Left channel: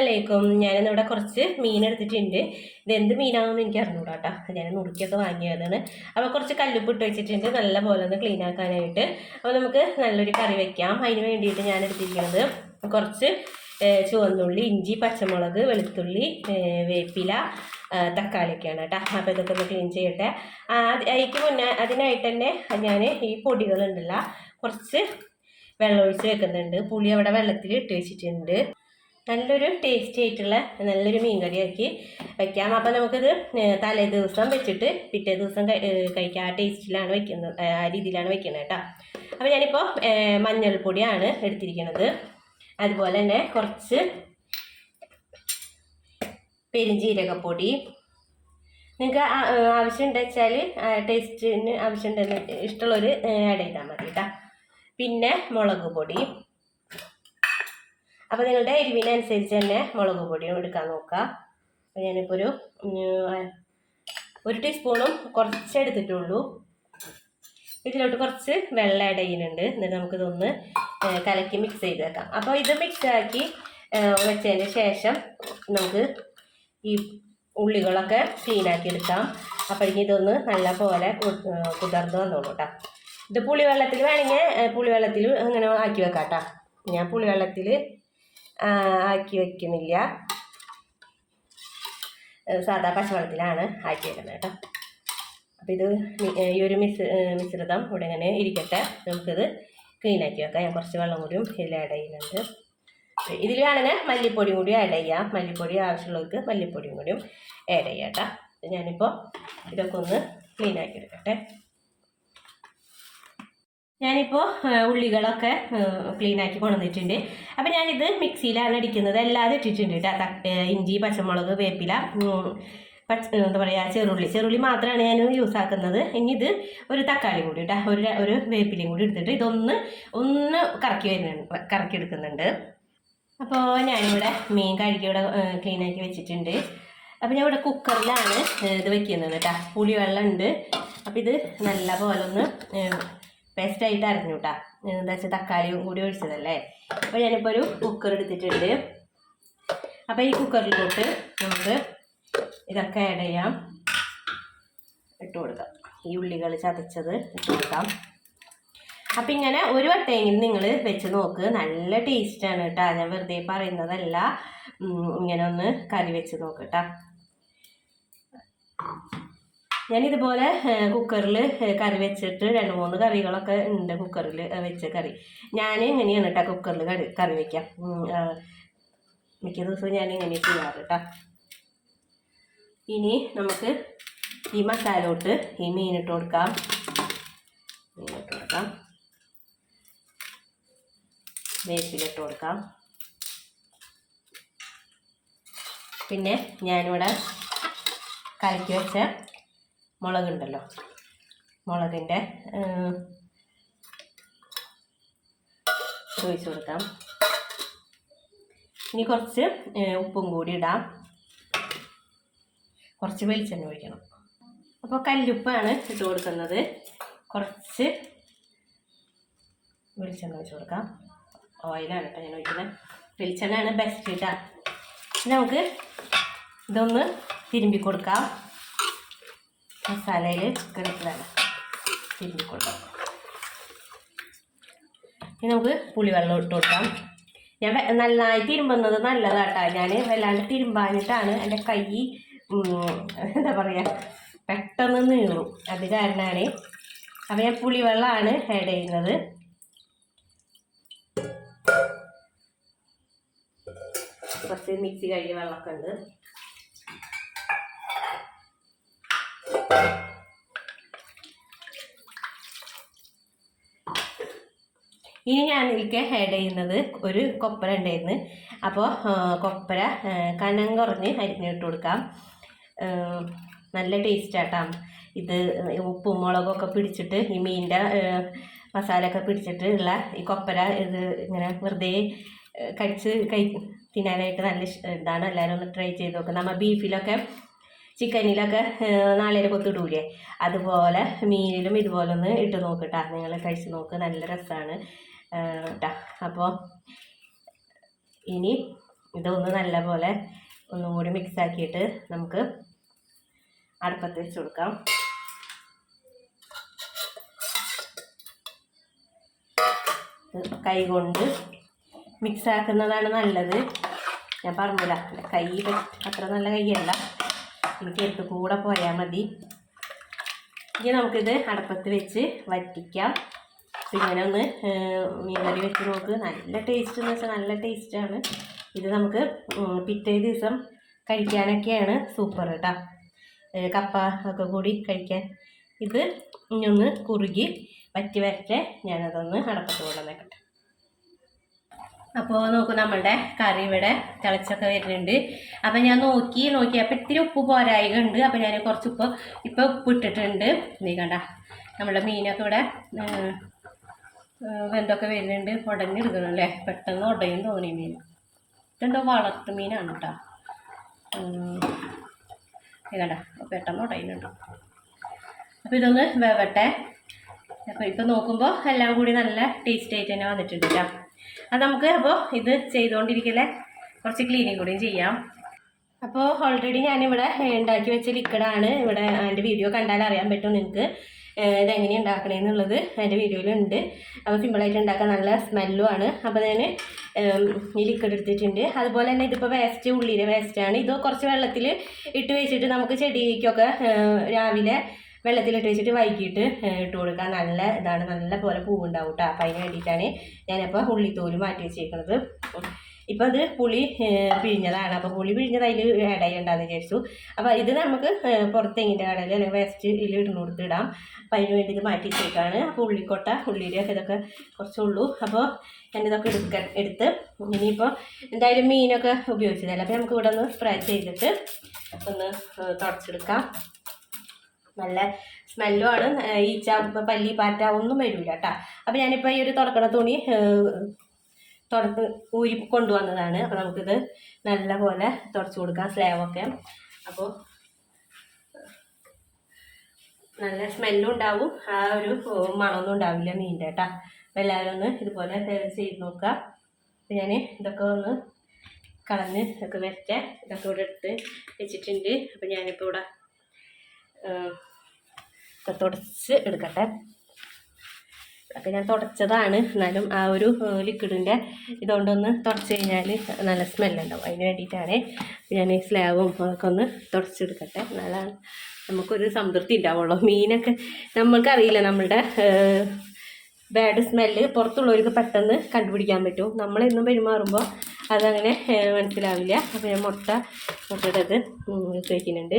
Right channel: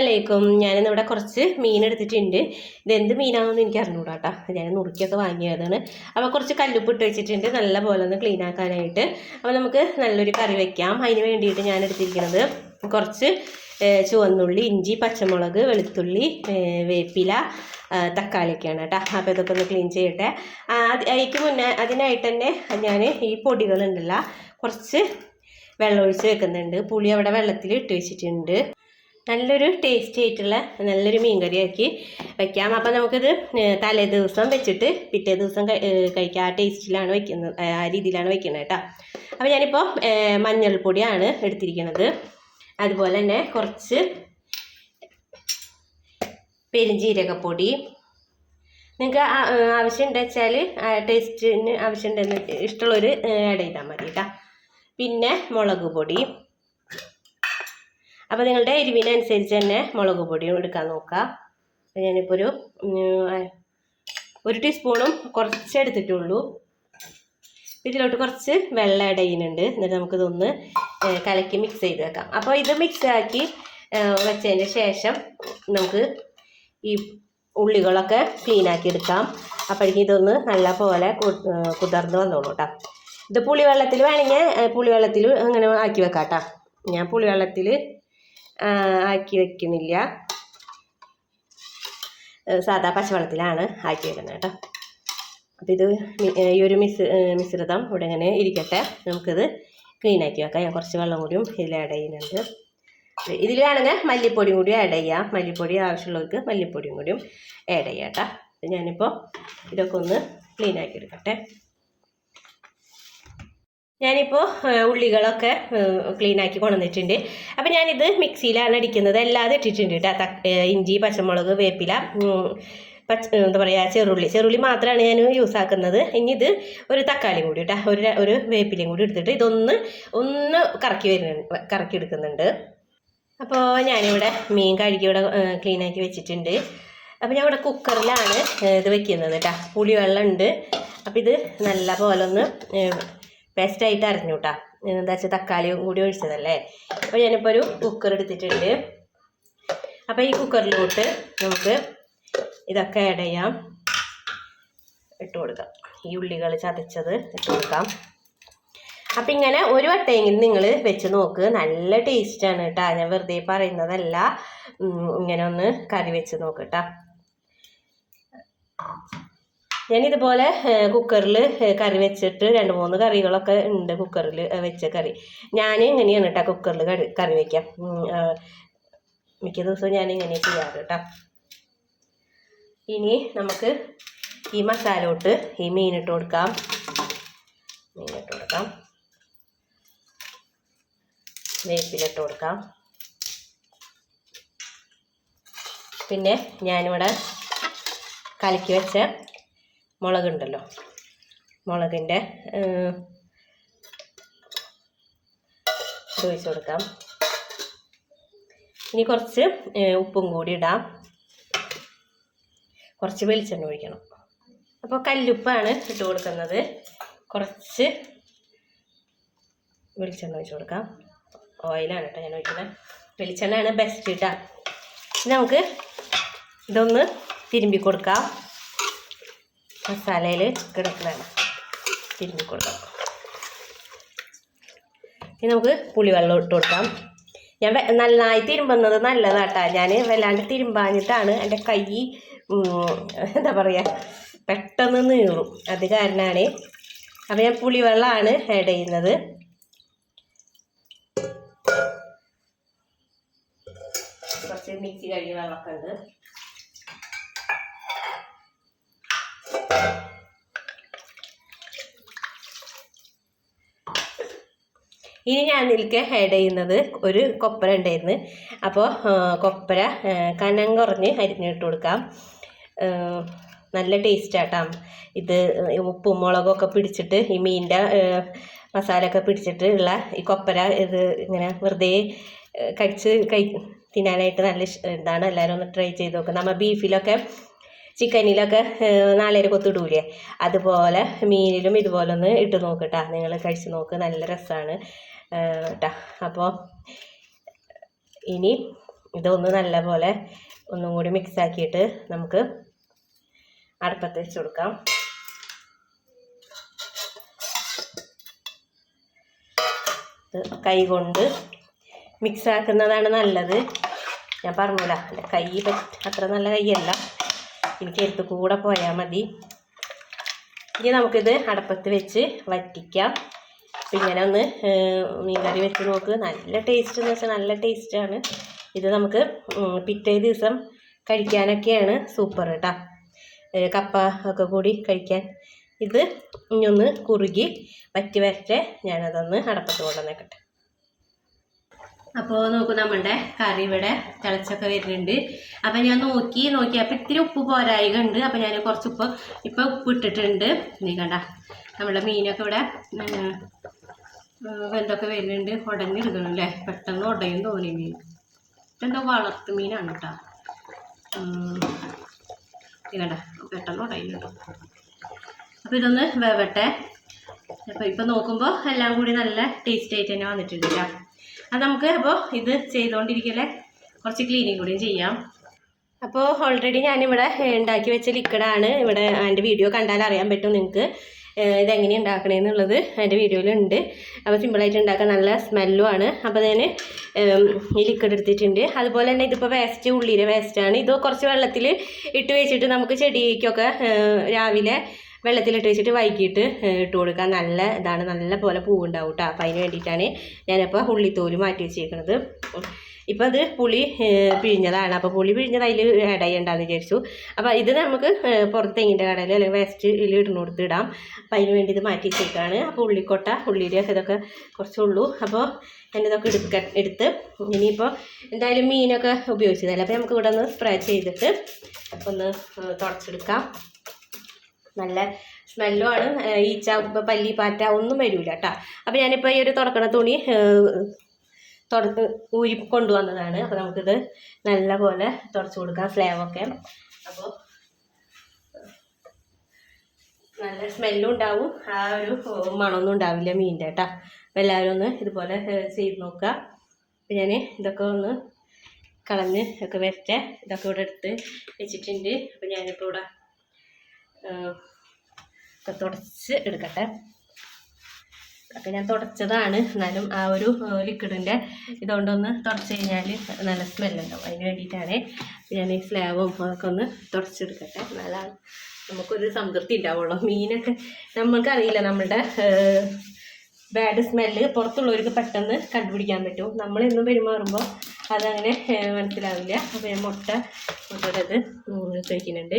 അലൈക്കും ഞാനിന്നിവിടെ കുറച്ച് മീൻ എടുത്തിട്ടുണ്ട്. ഇത് എന്ത് മീനാണെന്ന് എനിക്ക് അറിഞ്ഞൂടാ കേട്ടോ ഞാൻ നുറുക്കിയൊക്കെ വാങ്ങിയതാണ്. അപ്പോൾ കുറച്ച് കല്ലുപ്പ് ഇട്ട് വെച്ചിട്ടുണ്ട്. നല്ല പോലെ ഒന്ന് ക്ലീൻ ആക്കാനായിട്ട്. അപ്പോൾ നമുക്ക് നല്ലൊരു കറി വെക്കാം. അതിന് വേണ്ടിയിട്ട് ഞാൻ എടുത്തിരിക്കുന്നത് കുറച്ച് ചുവന്നുള്ളി ഇഞ്ചി പച്ചമുളക് വെളുത്തുള്ളി വേപ്പില തക്കാളിയൊക്കെയാണ് കേട്ടോ. അപ്പോൾ ഇതൊക്കെ ഒന്ന് ക്ലീൻ ചെയ്യട്ടെ. അതിക്ക് മുന്നേ അതിനായിട്ട് തന്നെ ഞാൻ ഈ പൊടികളുണ്ടല്ലോ കുറച്ച് വെള്ളം ഒഴിച്ച് വെക്കുന്നുണ്ട്. പുളി അവിടെ വെള്ളത്തിൽ ഇട്ട് വെച്ചിട്ടുണ്ട്. നല്ലൊരു ടേസ്റ്റി ആയിട്ടുള്ള നല്ലൊരു മീൻകറിയാക്കി വെക്കാം. അപ്പം നമുക്കിത് തലേ ദിവസം വെച്ചിട്ട് പിറ്റേ ദിവസം കഴിക്കാം. ആ ടേസ്റ്റിലാണ് വെക്കുന്നത് ആ രീതിയിലാണ് വെക്കുന്നത് കേട്ടോ. അപ്പോൾ ഞാനിപ്പോൾ മഞ്ഞൾപ്പൊടിയാണ് എടുത്തിരിക്കുന്നത്. അതുപോലെ തന്നെ കുറച്ച് പെരുംജീരകപ്പൊടി നിങ്ങൾക്ക് ആവശ്യമുണ്ട് വെച്ചാൽ ടേസ്റ്റിന് ആവശ്യമുണ്ടെന്ന് ഇഷ്ടമുള്ളൊരു ആഡ് ചെയ്താൽ മതി കേട്ടോ. പിന്നെ മുളക് പൊടി. അപ്പോൾ നിങ്ങളുടെ എരിവിനനുസരിച്ച് തന്നെ മുളക് പൊടിയും എടുക്കാൻ അപ്പോൾ ഞാനിപ്പോൾ ഒരു ഒരു ടീസ്പൂണും കുറച്ച് എടുത്തിട്ടുള്ളൂ. ഇതിലോട്ട് കുറച്ച് വെള്ളം ആഡ് ചെയ്യുന്നുണ്ട്. എന്നിട്ട് നമുക്കിതൊന്ന് കലക്കി മിക്സ് ചെയ്ത് വെക്കാം അപ്പോൾ ഇത് മിക്സ് ആക്കി വെച്ചതിന് ശേഷം നമുക്ക് ഈ ഉള്ളികളൊക്കെ ക്ലീൻ ആക്കി എടുക്കാം. അപ്പോഴേക്കും ഇതൊന്ന് നല്ല പോലെ കുതിർന്ന് വന്നോളൂ കേട്ടോ ഇത് പുളിവെള്ളത്തിൽ വേണമെങ്കിൽ പുളിവെള്ളത്തിൽ അങ്ങനെ ആക്കി വെക്കാം കേട്ടോ ഞാൻ പുളിവെള്ളത്തിൽ ആക്കി വെക്കുന്നില്ല. സാധാ പച്ചവെള്ളത്തിലാണ് ആക്കി വെക്കുന്നത് കേട്ടോ. അപ്പോൾ ഇത് ഈ ഒരു മിസ് മിശ്രിതം ഇവിടെ ഇങ്ങനെ ഇരിക്കട്ടെ. നമുക്കിത് ക്ലീനാക്കി വെക്കാം. ഞാൻ കുറച്ച് വെള്ളം കൂടിയും ഇതിൽ ആഡ് ചെയ്യുന്നുണ്ട്. ഇതിലാണെങ്കിൽ മല്ലിപ്പൊടിയും കൂടി ആഡ് ചെയ്യാം. മല്ലിപ്പൊടി ആവശ്യമുള്ളവർക്ക് മല്ലിപ്പൊടിയും കൂടിയും ആഡ് ചെയ്യാം കേട്ടോ. ഞാനിപ്പോൾ ഇതൊക്കെ ഒന്ന് ക്ലീനാക്കി എടുക്കട്ടെ. ഞാനിപ്പോൾ ഉള്ളികളൊക്കെ ക്ലീൻ ആക്കി കൊണ്ടുവന്നിട്ടുണ്ട്. അപ്പോൾ ഞാനിത് മിക്സിയിലാണ് അടിക്കുന്നത്. അല്ലാതെ ഇട്ടിട്ടുണ്ട് കേട്ടോ ഇഞ്ചി പച്ചമുളക് വേപ്പില പച്ച എന്താ പറയുക ചെറുള്ളി. ചെറുള്ളി മാത്രമാണ് ഞാൻ യൂസ് ആക്കുന്നത്. ഇനി ഇത് ഒരു തക്കാളി കൂടി കേട്ടോ ഒരു ഒരു വേപ്പിലയും കൂടി എടുത്തിട്ട് ഇതൊന്ന് ഒന്ന് കറക്കി വരുന്നുണ്ട് കറക്കി എടുക്കുന്നുണ്ട്. അപ്പോൾ ഞാനിവിടെ മീൻ കഴുകി ഇവിടെ ക്ലീൻ ആക്കി വെച്ചിട്ടുണ്ട്. അപ്പോൾ ഞാൻ ഇവിടെ കുക്കറിലാണ് ഇത് വെക്കുന്നത് കേട്ടോ പുളിവെള്ളം ഉണ്ട്. അപ്പോൾ ഇത് നല്ല പോലെ ഒന്ന് പേസ്റ്റായിട്ട് അരഞ്ഞു കേട്ടോ എന്താ വെച്ചാൽ തക്കാളിയും കൂടി ഒഴിച്ചതല്ലേ? അപ്പോൾ ഞാനിപ്പോൾ ഒരു കുക്കർ എടുത്തിട്ടുണ്ട്. അപ്പോൾ ഈ കുക്കറിലോട്ട് നമുക്ക് ഇതൊക്കെ ആഡ് ചെയ്യാം. ഇട്ട് കൊടുക്കാം. ഈ ഉള്ളികൾ ചതച്ചത് ഇട്ട് കൊടുക്കാം. അപ്പം ഇങ്ങനെ ഒരു വട്ടമെങ്കിലും നിങ്ങൾ വെച്ച് നോക്ക്. നല്ല ടേസ്റ്റാണ് കേട്ടോ ഞാൻ വെറുതെ പറയുന്നതല്ല. ഇങ്ങനെ ഒന്ന് കറി വെച്ച് നോക്ക് കേട്ടോ ഞാനിതുപോലെ കുക്കറിൽ കറി വെച്ചിട്ട് രണ്ട് മൂന്ന് കറികളൊക്കെ ഉണ്ട് കുക്കറിൽ വെച്ച കറി. ഞാൻ ഇങ്ങനെയാണ് കേട്ടോ കുക്കറിൽ കറി കറി വയ്ക്കാം മിക്ക ദിവസവും ഞാൻ ഇങ്ങനെ ചെയ്യാറ് കേട്ടോ ഇനി നമുക്ക് ഈ മസാലോട്ട് ഈ മീനിട്ട് കൊടുക്കാം. മീനിട്ട് കൊടുക്കാം. വേപ്പിലിട്ട് കൊടുക്കാം. പിന്നെ ഞാനിവിടെ കലക്കി വെച്ച മുളകുണ്ടല്ലോ. മുളകിന്റെ ഒഴിച്ച് കൊടുക്കാം. ഇനി കുറച്ച് ഉപ്പും കൂടി ഇടാം. കുറച്ച് വെളിച്ചെണ്ണ ഒഴിക്കണം. അപ്പോൾ കല്ലുപ്പാണ് ഇട്ട് കൊടുക്കുന്നത്. കുറച്ച് വെളിച്ചെണ്ണ ഒഴിച്ച് കൊടുക്കാം. ഓയിലാണ് കേട്ടോ ഞാൻ ഒഴിക്കുന്നത്. വെളിച്ചെണ്ണയാണ് ബെസ്റ്റ് കേട്ടോ നമുക്ക് ഇതൊന്ന് തിരുമ്പി കൊടുക്കാം. മസാലയിൽ കിടക്കുന്നതാണ് തിരുമ്പി കൊടുക്കാം. ഇനി നമുക്ക് പുളിവെള്ളം ഇട്ട് കൊടുക്കാം. ഞാൻ നന്നായി തിരുമ്പുന്നത് നല്ലതാട്ടാ. ഞാൻ വല്ലാണ്ട് തിരുമ്പാഞ്ഞിട്ടാണ് എന്റെ കൈ എന്താ പറയുക പെട്ടെന്ന് നീറും. അത് കാരണമാണ് അപ്പോൾ ഞാൻ പുളിവെള്ളമാണ് ആഡ് ചെയ്യുന്നത്. കുറച്ച് മിക്സി കഴുകിയ വെള്ളമൊക്കെ ഉണ്ട്. ഇനി ഞാൻ ഇതിലേക്ക് ആഡ് ചെയ്യുന്നത് ഒരു കൊപ്പര ഉണ്ടായിരുന്നു. അപ്പോൾ കൊപ്പര കനം കുറഞ്ഞ് അരിഞ്ഞിട്ട് കൊടുക്കാം. നല്ല ടേസ്റ്റ് ആട്ടാം. ഇത് ഉപ്പും മുളകൊക്കെ പിടിച്ചിട്ട് ഈ മീനിന്റെ മസാലയൊക്കെ പിടിച്ചിട്ട് ഉള്ള ഈ കൊപ്പര ഇത് ഇങ്ങനെ വെറുതെ കടിച്ച് കഴി തിന്നാനായിട്ട് നല്ല ഇതാണ്. എല്ലാവരും ഒന്ന് ട്രൈ ചെയ്ത് നോക്കുക നമ്മൾ ബീഫിലൊക്കെ ചിക്കനിലൊക്കെ നാളേരെ കൊത്തിടൂലേ? അതുപോലെ മീനിലും ഇതുപോലെ ഒന്ന് ഇട്ട് നോക്കട്ടാ നിങ്ങൾ കഴിച്ച് നോക്ക്. നല്ല രസമാണ് കേട്ടാ അപ്പോൾ ഇനി ഇതൊന്ന് നല്ല പോലെ ഒന്നും കൂടി മിക്സ് ആക്കിയിട്ട് നമുക്ക് അടുപ്പത്ത് വെച്ച് കൊടുക്കാം. ഇത് കൈ കൊണ്ട് മിക്സ് ആക്കുന്നതാണ് നല്ലത്. ഞാൻ പറഞ്ഞില്ല. കൈ പറ്റ അത്ര നല്ല കൈയല്ല. എനിക്ക് എടുത്ത് കൂടെ പോയാൽ മതി. ഇനി നമുക്കിത് അടപ്പത്ത് വെച്ച് വറ്റിക്കാം. അപ്പം ഇങ്ങനെ ഒന്ന് മീൻകറി വെച്ച് നോക്ക്. നല്ല ടേസ്റ്റ് എന്ന് വെച്ചാൽ നല്ല ടേസ്റ്റാണ് ഇത് നമുക്ക് പിറ്റേ ദിവസം കഴിക്കാനൊക്കെയാണ് സൂപ്പർ കേട്ടോ കപ്പ ഒക്കെ കൂടി കഴിക്കാൻ. ഇത് ഇനി ഒന്ന് കുറുകി വറ്റി വരട്ടെ. ഞാനതൊന്ന് അടപ്പത്ത് കൊണ്ടുവന്നേക്കട്ടെ. അപ്പോൾ നോക്കൂ നമ്മളുടെ കറി ഇവിടെ തിളച്ചൊക്കെ വരുന്നുണ്ട്. അപ്പം ഞാൻ നോക്കി നോക്കിയപ്പോൾ ഇത്തിരി ഉപ്പ് പോരായിക ഉണ്ട് അപ്പം ഞാൻ കുറച്ച് ഉപ്പ് ഇപ്പം ഉപ്പ് ഇട്ടിട്ടുണ്ട് നീ കണ്ട നമ്മുടെ മീനൊക്കെ ഇവിടെ വെന്തൊക്കെ വരുന്നുണ്ട്. ഉടഞ്ഞെടുക്കണം അല്ലേ? പെട്ടെന്ന് ഉടയും തോന്നി മീൻ. ഇതെന്തോ വളർത്തു മീനാണ് കേട്ടോ. നീ കണ്ട പെട്ടെന്ന് ഉടയുന്നുണ്ടോ. അപ്പോൾ ഇതൊന്ന് വേവട്ടെ. അപ്പോൾ ഇപ്പോൾ നോക്കുമ്പോൾ എല്ലാം കൂടി നല്ല ടേസ്റ്റ് ആയിട്ട് തന്നെ വന്നിട്ടുണ്ട് കേട്ടോ. അത് നമുക്ക് അപ്പോൾ ഇത് ചെയ്തുകൊണ്ടിരിക്കലെ കുറച്ച് ക്ലീനിങ് കൂടിയും ചെയ്യാം. അപ്പോൾ ഓൾറെഡി ഞാനിവിടെ ഉണ്ടാക്കി വെച്ച ലിക്വിഡാണ് ഇവിടെ എന്റെ വീഡിയോ കണ്ടാൽ അറിയാൻ പറ്റും നിങ്ങൾക്ക് ഇതെങ്ങനെ ഉണ്ടാക്കണേന്നുള്ളത് എന്റെ വീഡിയോയിലുണ്ട് അപ്പോൾ സിമ്പിളായിട്ട് ഉണ്ടാക്കാൻ നല്ല സ്മെല്ലും ആണ്. അപ്പോൾ ഞാൻ ഈ ലിക്വിഡ് എടുത്തിട്ടുണ്ട്. അതുപോലെ തന്നെ ഇതിപ്പോൾ വേസ്റ്റ് ഉള്ളിയുടെ വേസ്റ്റാണ് ഇത് കുറച്ച് വെള്ളത്തിൽ ഇട്ട് വെച്ചിട്ട് നമുക്ക് ചെടിക്കൊക്കെ രാവിലെ വെള്ളത്തിലിട്ട് വെച്ചിട്ട് വൈകിട്ട് ഇട്ട് കൊടുക്കാൻ നല്ല ഇതാണ്. നല്ല പോലെ പൂവുണ്ടാവും കേട്ടോ അപ്പോൾ അതിന് വേണ്ടിയിട്ടാണ് ഞാനിപ്പോൾ ഉള്ളിത്തോൽ മാറ്റി വെച്ചേക്കുന്നത് ഇപ്പം അത് പുളി പിഴിഞ്ഞതാണ്. അപ്പോൾ പുളി പിഴിഞ്ഞത് അതിൽ ആഡ് ചെയ്യണ്ടെന്ന് വിചാരിച്ചു. അപ്പോൾ ഇത് നമുക്ക് പുറത്തെങ്ങിന്റെ പുറത്ത് തെങ്ങിന്റെ കടയിൽ അല്ലെങ്കിൽ വേസ്റ്റിൽ ഇടുന്ന ഇടാം. അപ്പോൾ അതിന് വേണ്ടി ഇത് മാറ്റി വെച്ചേക്കാണ്. അപ്പോൾ ഉള്ളിക്കൊട്ട ഉള്ളിയുടെ ഇതൊക്കെ കുറച്ചുള്ളൂ. അപ്പോൾ ഞാനിതൊക്കെ എടുക്ക എടുത്ത് ഇനിയിപ്പോൾ എന്തായാലും മീനൊക്കെ ഉപയോഗിച്ചതല്ലേ? അപ്പോൾ നമുക്ക് ഇവിടെ ഒന്ന് സ്പ്രേ ചെയ്തിട്ട് ഒന്ന് തുടച്ചെടുക്കാം. നല്ല സ്മെല്ലും ആണ്. ഏഹ് ഈച്ച പല്ലി പാറ്റ ഒന്നും വരില്ല കേട്ടോ അപ്പോൾ ഞാനിപ്പോൾ ഈ ഒരു തുറക്കണ തുണി തുറത്ത് ഊരി കൊണ്ടുവന്നതാണ്. അപ്പോൾ നമുക്കിത് നല്ല പോലെ തുടച്ച് കൊടുക്കാം സ്ലേവൊക്കെ അപ്പോൾ നല്ല സ്മെല്ലും ഉണ്ടാവും. ആ ഒരു മണമൊന്നും ഉണ്ടാവില്ല മീനിന്റെ കേട്ടോ അപ്പോൾ എല്ലാവരും ഒന്ന് ഇതുപോലെ ചെയ്ത് നോക്കുക. അപ്പം ഞാൻ ഇതൊക്കെ ഒന്ന് കളഞ്ഞ് ഒക്കെ വരട്ടെ. ഇതൊക്കെ ഇവിടെ എടുത്ത് വെച്ചിട്ടുണ്ട്. അപ്പോൾ ഞാനിപ്പോൾ ഇവിടെ ഒക്കെ തുടച്ച് എടുക്കട്ടെ. അപ്പോൾ ഞാൻ തുടച്ചതാണ്. എന്നാലും ആ ഒരു ലിക്വിഡിന്റെ ഇതുകൊണ്ടൊന്ന് തുടച്ച് കഴിഞ്ഞാൽ നല്ല സ്മെല്ലുണ്ടാവും അതിന് വേണ്ടിയിട്ടാണ് ഞാൻ ഈ സ്ലാബും ഒക്കെ ഒന്ന് തുടച്ചെടുക്കട്ടെ. എന്നാലാണ് നമുക്കൊരു സംതൃപ്തി ഉണ്ടാവുള്ളൂ. മീനൊക്കെ നമ്മൾക്കറിയില്ല നമ്മളുടെ ബാഡ് സ്മെല്ല് പുറത്തുള്ളവർക്ക് പെട്ടെന്ന് കണ്ടുപിടിക്കാൻ പറ്റും. നമ്മളെന്നും പെരുമാറുമ്പോൾ അതങ്ങനെ മനസ്സിലാവില്ല. അപ്പോൾ ഞാൻ മുട്ട മുട്ടയുടെ ഇത് വയ്ക്കുന്നുണ്ട്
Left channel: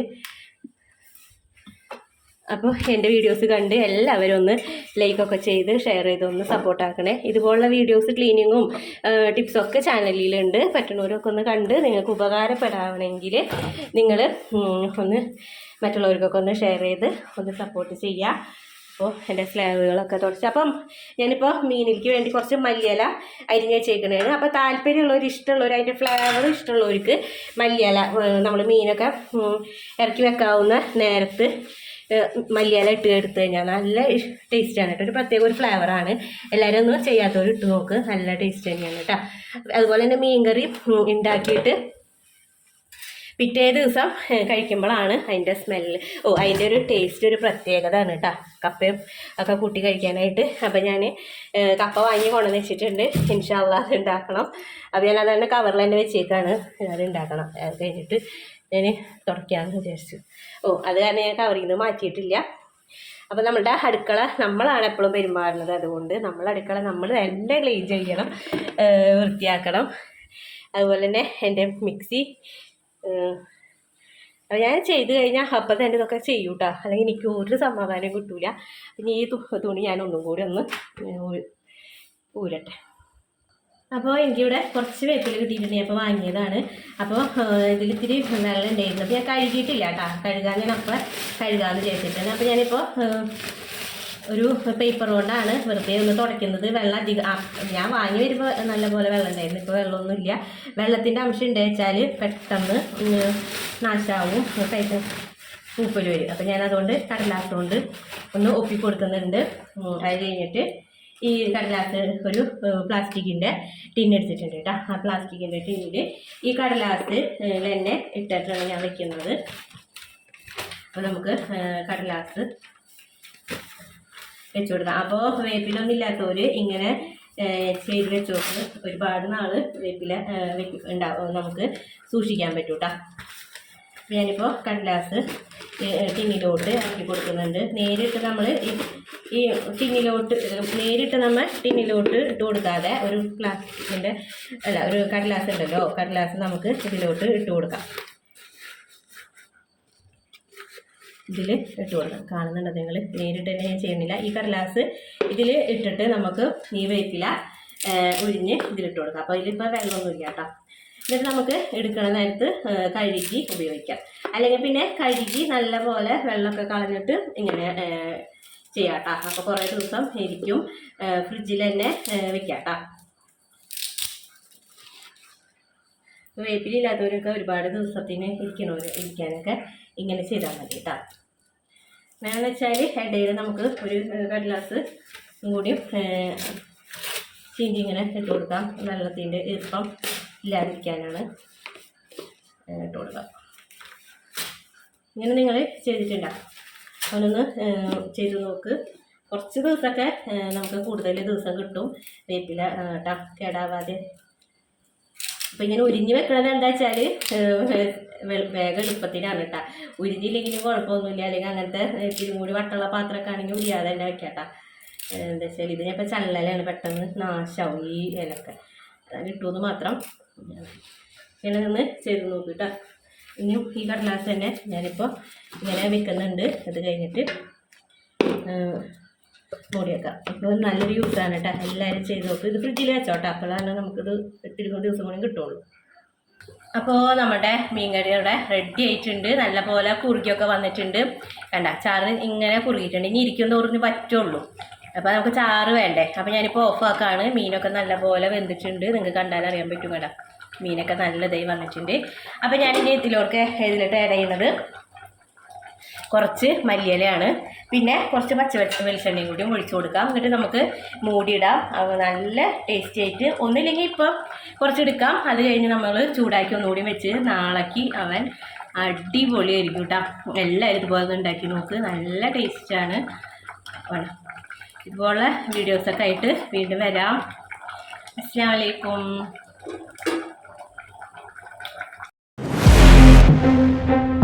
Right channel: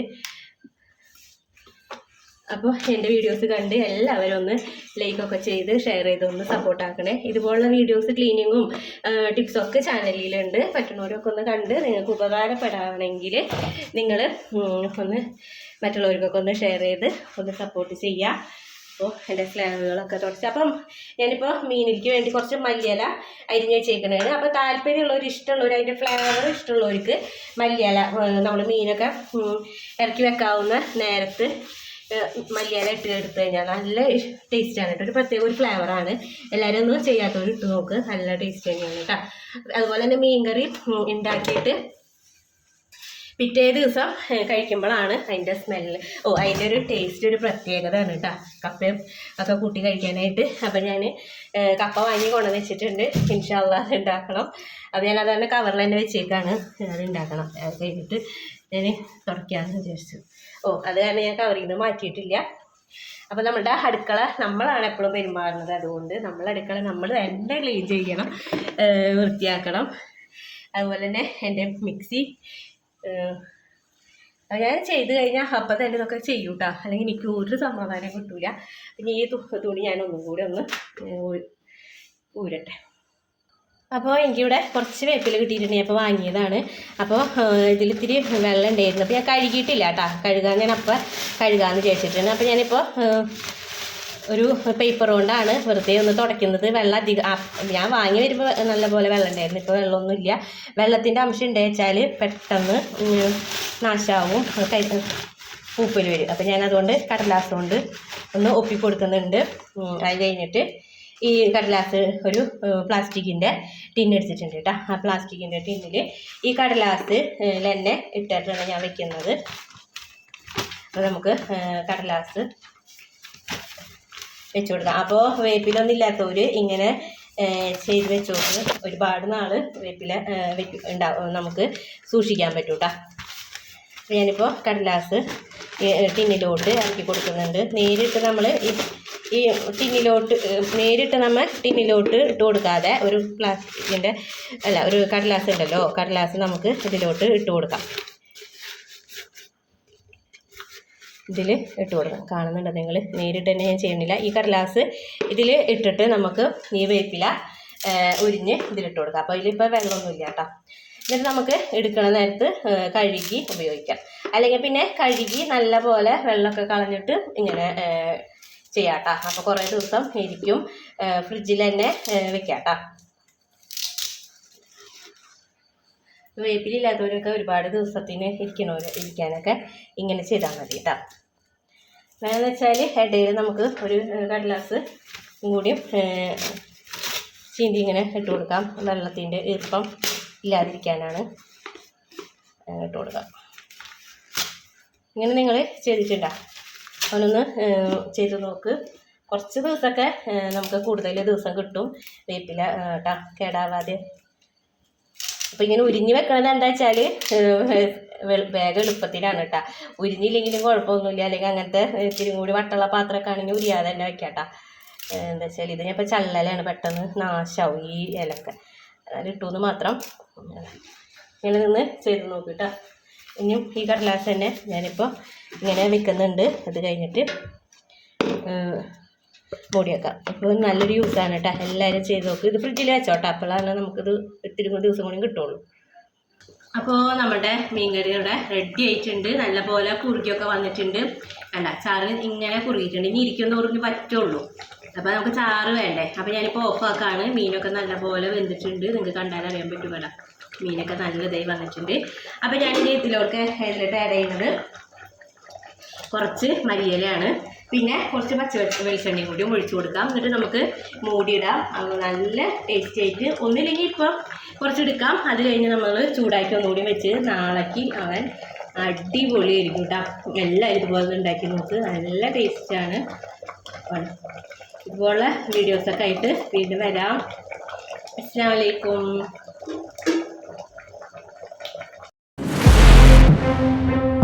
അപ്പോൾ എന്റെ വീഡിയോസ് കണ്ട് എല്ലാവരും ഒന്ന് ലൈക്കൊക്കെ ചെയ്ത് ഷെയർ ചെയ്ത് ഒന്ന് സപ്പോർട്ടാക്കണേ ഇതുപോലുള്ള വീഡിയോസ് ക്ലീനിങ്ങും ടിപ്സും ഒക്കെ ചാനലിലുണ്ട്. പറ്റുന്നവരൊക്കെ ഒന്ന് കണ്ട് നിങ്ങൾക്ക് ഉപകാരപ്പെടാവണമെങ്കിൽ നിങ്ങൾ ഒന്ന് മറ്റുള്ളവർക്കൊക്കെ ഒന്ന് ഷെയർ ചെയ്ത് ഒന്ന് സപ്പോർട്ട് ചെയ്യുക അപ്പോൾ എന്റെ സ്ലാബുകളൊക്കെ തുടച്ച്. അപ്പം ഞാനിപ്പോൾ മീനിലേക്ക് വേണ്ടി കുറച്ച് മല്ലിയില അരിഞ്ഞ് വെച്ചേക്കണതാണ് അപ്പോൾ താല്പര്യമുള്ളവർ ഇഷ്ടമുള്ളവർ അതിന്റെ ഫ്ലേവർ ഇഷ്ടമുള്ളവർക്ക് മല്ലിയില നമ്മൾ മീനൊക്കെ ഇറക്കി വെക്കാവുന്ന നേരത്ത് മല്ലിയില ഇട്ട് എടുത്തു കഴിഞ്ഞാൽ നല്ല ടേസ്റ്റാണ് കേട്ടോ. ഒരു പ്രത്യേക ഒരു ഫ്ലേവറാണ് എല്ലാവരും ഒന്ന് ചെയ്യാത്തവർ ഇട്ട് നോക്ക്. നല്ല ടേസ്റ്റ് തന്നെയാണ് കേട്ടോ. അതുപോലെ തന്നെ മീൻകറി ഉണ്ടാക്കിയിട്ട് പിറ്റേ ദിവസം കഴിക്കുമ്പോഴാണ് അതിന്റെ സ്മെല്ല് ഓ അതിന്റെ ഒരു ടേസ്റ്റ് ഒരു പ്രത്യേകതയാണ് കേട്ടോ. കപ്പയും ഒക്കെ കൂട്ടി കഴിക്കാനായിട്ട്. അപ്പം ഞാൻ കപ്പ വാങ്ങി കൊണ്ടുവന്ന് വെച്ചിട്ടുണ്ട് ഇൻഷാല്ല അത് ഉണ്ടാക്കണം അപ്പോൾ ഞാൻ അതാണ് കവറിൽ തന്നെ വെച്ചേക്കാണ്. അത് ഉണ്ടാക്കണം അത് കഴിഞ്ഞിട്ട് ഞാൻ തുടയ്ക്കാമെന്ന് വിചാരിച്ചു. ഓ അത് കാരണം ഞാൻ കവറിൽ നിന്ന് മാറ്റിയിട്ടില്ല. അപ്പോൾ നമ്മളുടെ അടുക്കള നമ്മളാണ് എപ്പോഴും പെരുമാറുന്നത്. അതുകൊണ്ട് നമ്മളെ അടുക്കള നമ്മൾ തന്നെ ക്ലീൻ ചെയ്യണം വൃത്തിയാക്കണം. അതുപോലെ തന്നെ എന്റെ മിക്സി ഞാൻ ചെയ്ത് കഴിഞ്ഞാൽ അപ്പം തന്നെ ഇതൊക്കെ ചെയ്യും കേട്ടോ അല്ലെങ്കിൽ എനിക്ക് ഒരു സമാധാനം കിട്ടൂല. പിന്നെ ഈ തുണി ഞാൻ ഒന്നും കൂടി ഒന്ന് ഊരട്ടെ. അപ്പോൾ എനിക്കിവിടെ കുറച്ച് വേപ്പില കിട്ടിയിട്ടുണ്ട്. അപ്പോൾ വാങ്ങിയതാണ്. അപ്പോൾ ഇതിലിത്തിരി വെള്ളം ഉണ്ടായിരുന്നു. അപ്പോൾ ഞാൻ കഴുകിയിട്ടില്ല കേട്ടോ. കഴുകാൻ ഞാൻ അപ്പം കഴുകാമെന്ന് വിചാരിച്ചിട്ടുണ്ട് അപ്പോൾ ഞാനിപ്പോൾ ഒരു പേപ്പർ കൊണ്ടാണ് വെറുതെ ഒന്ന് തുടയ്ക്കുന്നത്. വെള്ളം അധികം ഞാൻ വാങ്ങി വരുമ്പോൾ നല്ലപോലെ വെള്ളം ഉണ്ടായിരുന്നു. ഇപ്പോൾ വെള്ളമൊന്നുമില്ല. വെള്ളത്തിന്റെ അംശം ഉണ്ട് വെച്ചാൽ പെട്ടെന്ന് നാശമാവും. പൂപ്പൽ വരും. അപ്പോൾ ഞാനതുകൊണ്ട് കടലാസ് കൊണ്ട് ഒന്ന് ഒപ്പി കൊടുക്കുന്നുണ്ട് അത് കഴിഞ്ഞിട്ട് ഈ കടലാസ് ഒരു പ്ലാസ്റ്റിക്കിന്റെ ടിൻ എടുത്തിട്ടുണ്ട് കേട്ടോ. ആ പ്ലാസ്റ്റിക്കിന്റെ ടിന്നിൽ ഈ കടലാസ് തന്നെ ഇട്ടിട്ടാണ് ഞാൻ വയ്ക്കുന്നത് അപ്പോൾ നമുക്ക് കടലാസ് വെച്ചു കൊടുക്കാം. അപ്പോൾ വേപ്പിലൊന്നും ഇല്ലാത്തവർ ഇങ്ങനെ ചെയ്ത് വെച്ച് കൊടുത്ത് ഒരുപാട് നാൾ വേപ്പില ഉണ്ടാവും നമുക്ക് സൂക്ഷിക്കാൻ പറ്റും കേട്ടോ. ഞാനിപ്പോൾ കടലാസ് ടിന്നിലോട്ട് ഇറക്കി കൊടുക്കുന്നുണ്ട്. നേരിട്ട് നമ്മൾ ഈ ടിന്നിലോട്ട് നേരിട്ട് നമ്മൾ ടിന്നിലോട്ട് ഇട്ട് കൊടുക്കാതെ ഒരു പ്ലാസ്റ്റിക്കിന്റെ അല്ല ഒരു കടലാസ് ഉണ്ടല്ലോ കടലാസ് നമുക്ക് ഇതിലോട്ട് ഇട്ട് കൊടുക്കാം. ഇതിൽ ഇട്ട് കൊടുക്കാം. കാണുന്നുണ്ടോ നിങ്ങൾ നേരിട്ട് തന്നെ ഞാൻ ചെയ്യുന്നില്ല. ഈ കടലാസ് ഇതിൽ ഇട്ടിട്ട് നമുക്ക് ഈ വേപ്പില ഉരിഞ്ഞ് ഇതിലിട്ട് കൊടുക്കാം. അപ്പോൾ ഇതിലിപ്പോൾ വെള്ളമൊന്നുമില്ല കേട്ടോ. എന്നിട്ട് നമുക്ക് എടുക്കണ നേരത്ത് കഴുകി ഉപയോഗിക്കാം. അല്ലെങ്കിൽ പിന്നെ കഴുകി നല്ല പോലെ വെള്ളമൊക്കെ കളഞ്ഞിട്ട് ഇങ്ങനെ ചെയ്യാം കേട്ടോ അപ്പോൾ കുറേ ദിവസം ഇരിക്കും. ഫ്രിഡ്ജിൽ തന്നെ വെക്കാം കേട്ടോ വേപ്പിലില്ലാത്തവരൊക്കെ ഒരുപാട് ദിവസത്തിന് ഇരിക്കണവർ ഇരിക്കാനൊക്കെ ഇങ്ങനെ ചെയ്താൽ മതി കേട്ടോ വേണമെന്ന് വെച്ചാൽ ഇടയിൽ നമുക്ക് ഒരു കടലാസ് ഏഹ്, ചീന്തി ഇങ്ങനെ ഇട്ട് കൊടുക്കാം. വെള്ളത്തിന്റെ ഈർപ്പം ഇല്ലാതിരിക്കാനാണ് ഇട്ട് കൊടുക്കാം ഇങ്ങനെ നിങ്ങൾ ചെയ്തിട്ടുണ്ടോ? അവനൊന്ന് ചെയ്ത് നോക്ക്. കുറച്ച് ദിവസമൊക്കെ നമുക്ക് കൂടുതൽ ദിവസം കിട്ടും വേപ്പില കേട്ടോ കേടാവാതെ. അപ്പം ഇങ്ങനെ ഉരിഞ്ഞ് വെക്കണത് എന്താ വെച്ചാൽ വേഗം എളുപ്പത്തിലാണ് കേട്ടോ ഉരിഞ്ഞില്ലെങ്കിലും കുഴപ്പമൊന്നുമില്ല. അല്ലെങ്കിൽ അങ്ങനത്തെ ഇത്തിരി കൂടി വട്ടുള്ള പാത്രമൊക്കെ ആണെങ്കിൽ ഉരിയാതെ തന്നെ വെക്കാട്ടാ എന്താ വെച്ചാൽ ഇത് ഇപ്പം ചള്ളലാണ് പെട്ടെന്ന് നാശാവും ഈ ഇലക്കെ അതിൽ ഇട്ടുന്ന് മാത്രം. ഇങ്ങനെ നിന്ന് ചെയ്ത് നോക്ക് കേട്ടോ ഇനിയും ഈ കടലാസ് തന്നെ ഞാനിപ്പോൾ ഇങ്ങനെ വെക്കുന്നുണ്ട്. അത് കഴിഞ്ഞിട്ട് മൂടിയേക്കാം അപ്പോൾ നല്ലൊരു യൂസാണ് കേട്ടോ എല്ലാവരും ചെയ്ത് നോക്കും. ഇത് ഫ്രിഡ്ജിൽ വെച്ചോട്ടെ. അപ്പോഴാണ് നമുക്കിത് ഇത്തിരി ദിവസം കൂടി കിട്ടുള്ളൂ. അപ്പോൾ നമ്മുടെ മീൻകറി ഇവിടെ റെഡി ആയിട്ടുണ്ട്. നല്ലപോലെ കുറുകിയൊക്കെ വന്നിട്ടുണ്ട്. വേണ്ട ചാറ് ഇങ്ങനെ കുറുകിയിട്ടുണ്ട്. ഇനി ഇരിക്കും തോറിന് പറ്റുള്ളൂ. അപ്പോൾ നമുക്ക് ചാറ് വേണ്ടേ? അപ്പോൾ ഞാനിപ്പോൾ ഓഫാക്കാണ് മീനൊക്കെ നല്ല പോലെ വെന്തിട്ടുണ്ട്. നിങ്ങൾക്ക് കണ്ടാൽ അറിയാൻ പറ്റും കേട്ടോ. മീനൊക്കെ നല്ലതായി വന്നിട്ടുണ്ട്. അപ്പോൾ ഞാനിന്റെ ഇതിലോട്ട് ഇതിലോട്ട് ആഡ് ചെയ്യുന്നത് കുറച്ച് മല്ലിയിലയാണ്. പിന്നെ കുറച്ച് പച്ച വെളിച്ച വെളിച്ചെണ്ണയും കൂടി ഒഴിച്ചു കൊടുക്കാം. എന്നിട്ട് നമുക്ക് മൂടിയിടാം. നല്ല ടേസ്റ്റി ആയിട്ട്. ഒന്നില്ലെങ്കിൽ ഇപ്പോൾ കുറച്ചെടുക്കാം. അത് കഴിഞ്ഞ് നമ്മൾ ചൂടാക്കി ഒന്നുകൂടി വെച്ച് നാളേക്ക് അവൻ അടിപൊളിയായിരിക്കും കേട്ടോ. എല്ലാവരും ഇതുപോലെ ഉണ്ടാക്കി നോക്ക്. നല്ല ടേസ്റ്റാണ് ഇതുപോലെ വീഡിയോസൊക്കെ ആയിട്ട് വീണ്ടും വരാം. അസ്സാം വലൈക്കും Thank you.